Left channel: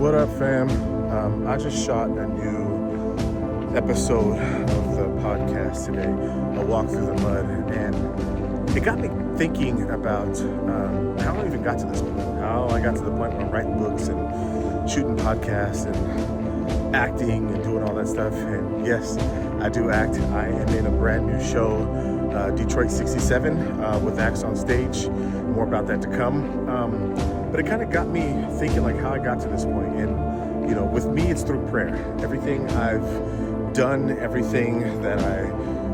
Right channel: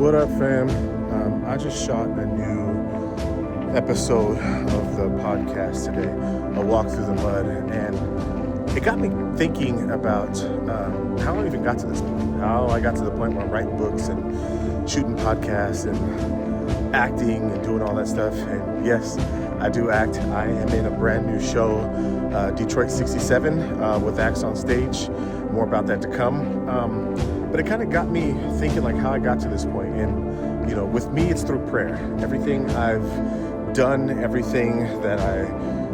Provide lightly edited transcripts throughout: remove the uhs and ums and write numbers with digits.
What up, fam? I just shot a new episode of the podcast today, A Walk Through the Mud, and it got me thinking about how I even got to this point, how I got to the point where I'm writing books and shooting podcasts and acting and doing all that stuff. And yes, I do act. I am in a brand new show, Detroit 67, with Acts on Stage. More about that to come. But it kind of got me thinking like how I got to this point. And, you know, with me, it's through prayer. Everything I've done, everything that I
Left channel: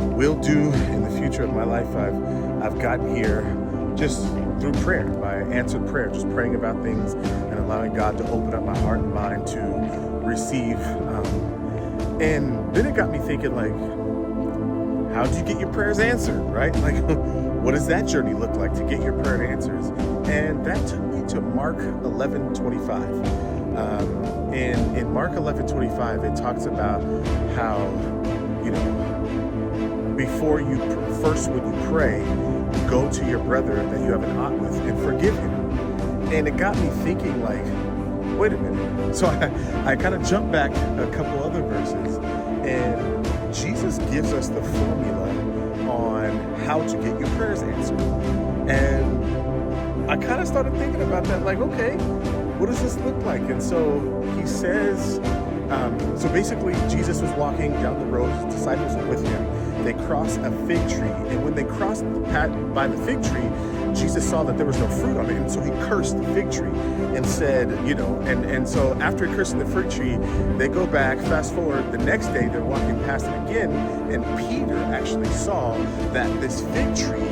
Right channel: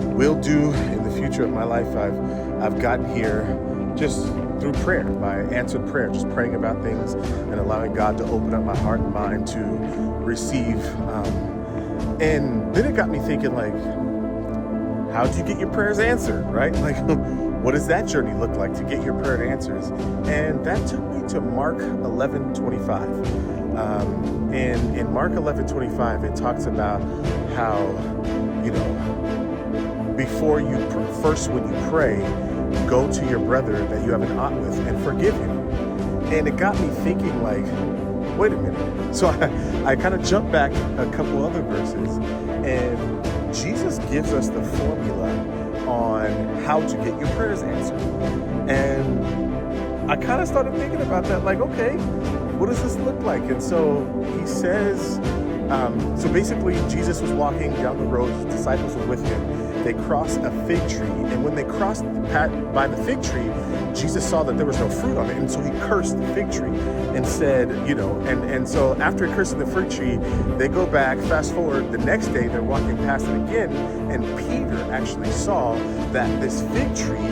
will do in the future of my life, I've gotten here just through prayer, by answered prayer, just praying about things and allowing God to open up my heart and mind to receive. And then it got me thinking like, how do you get your prayers answered, right? Like, what does that journey look like to get your prayer answers? And that took me to Mark 11:25. In Mark 11:25, it talks about how, you know, before you first when you pray, go to your brother that you have an ought with and forgive him. And it got me thinking like, wait a minute. So I kind of jumped back a couple other verses, and Jesus gives us the formula on how to get your prayers answered. And I kind of started thinking about that, like, okay, what does this look like? And so he says, so basically Jesus was walking down the road, his disciples were with him. They crossed a fig tree, and when they crossed by the fig tree, Jesus saw that there was no fruit on it, and so he cursed the fig tree and said, you know, and so after cursing the fig tree, they go back, fast forward, the next day they're walking past it again, and Peter actually saw that this fig tree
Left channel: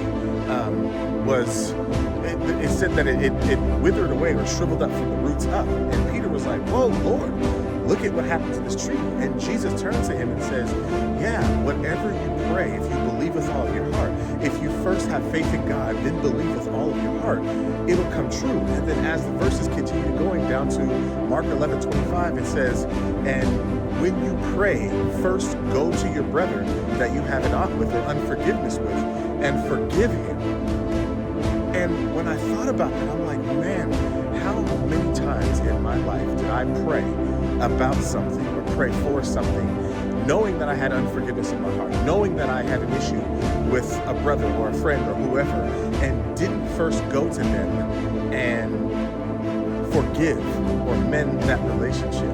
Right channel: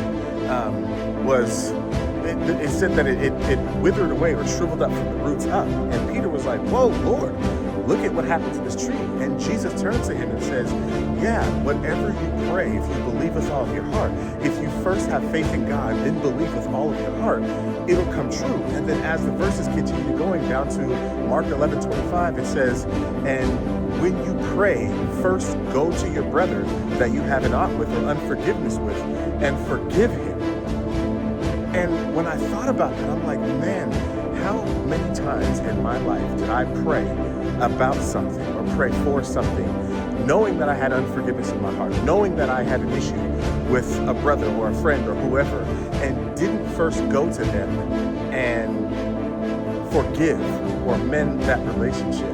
it said that it withered away or shriveled up from the roots up, and Peter was like, whoa, Lord, look at what happened to this tree. And Jesus turns to him and says, yeah, whatever you pray, if you believe with all of your heart, if you first have faith in God, then believe with all of your heart, it'll come true. And then as the verses continue going down to Mark 11:25, it says, and when you pray, first go to your brother that you have an ought with or unforgiveness with and forgive him. And when I thought about that, I'm like, man, how many times in my life did I pray about something or pray for something, knowing that I had unforgiveness in my heart, knowing that I had an issue with a brother or a friend or whoever, and didn't first go to them and forgive or mend that relationship.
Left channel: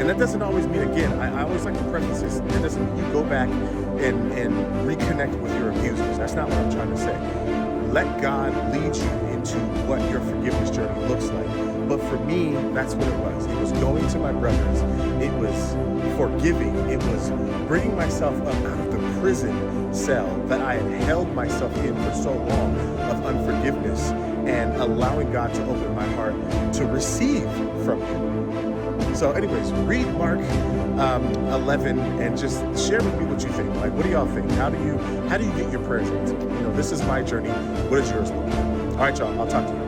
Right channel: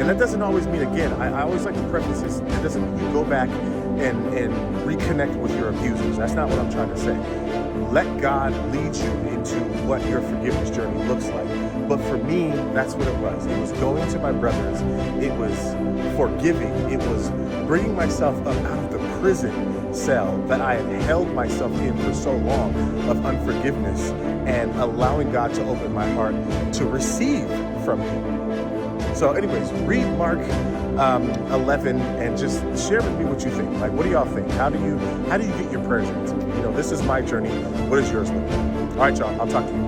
And that doesn't always mean, again, I always like to preface this, it doesn't mean you go back and reconnect with your abusers. That's not what I'm trying to say. Let God lead you into what your forgiveness journey looks like. But for me, that's what it was. It was going to my brothers. It was forgiving. It was bringing myself up out of the prison cell that I had held myself in for so long of unforgiveness, and allowing God to open my heart to receive from him. So anyways, read Mark 11 and just share with me what you think. Like, what do y'all think? How do you get your prayers answered? You know, this is my journey. What does yours look like? All right, y'all, I'll talk to you.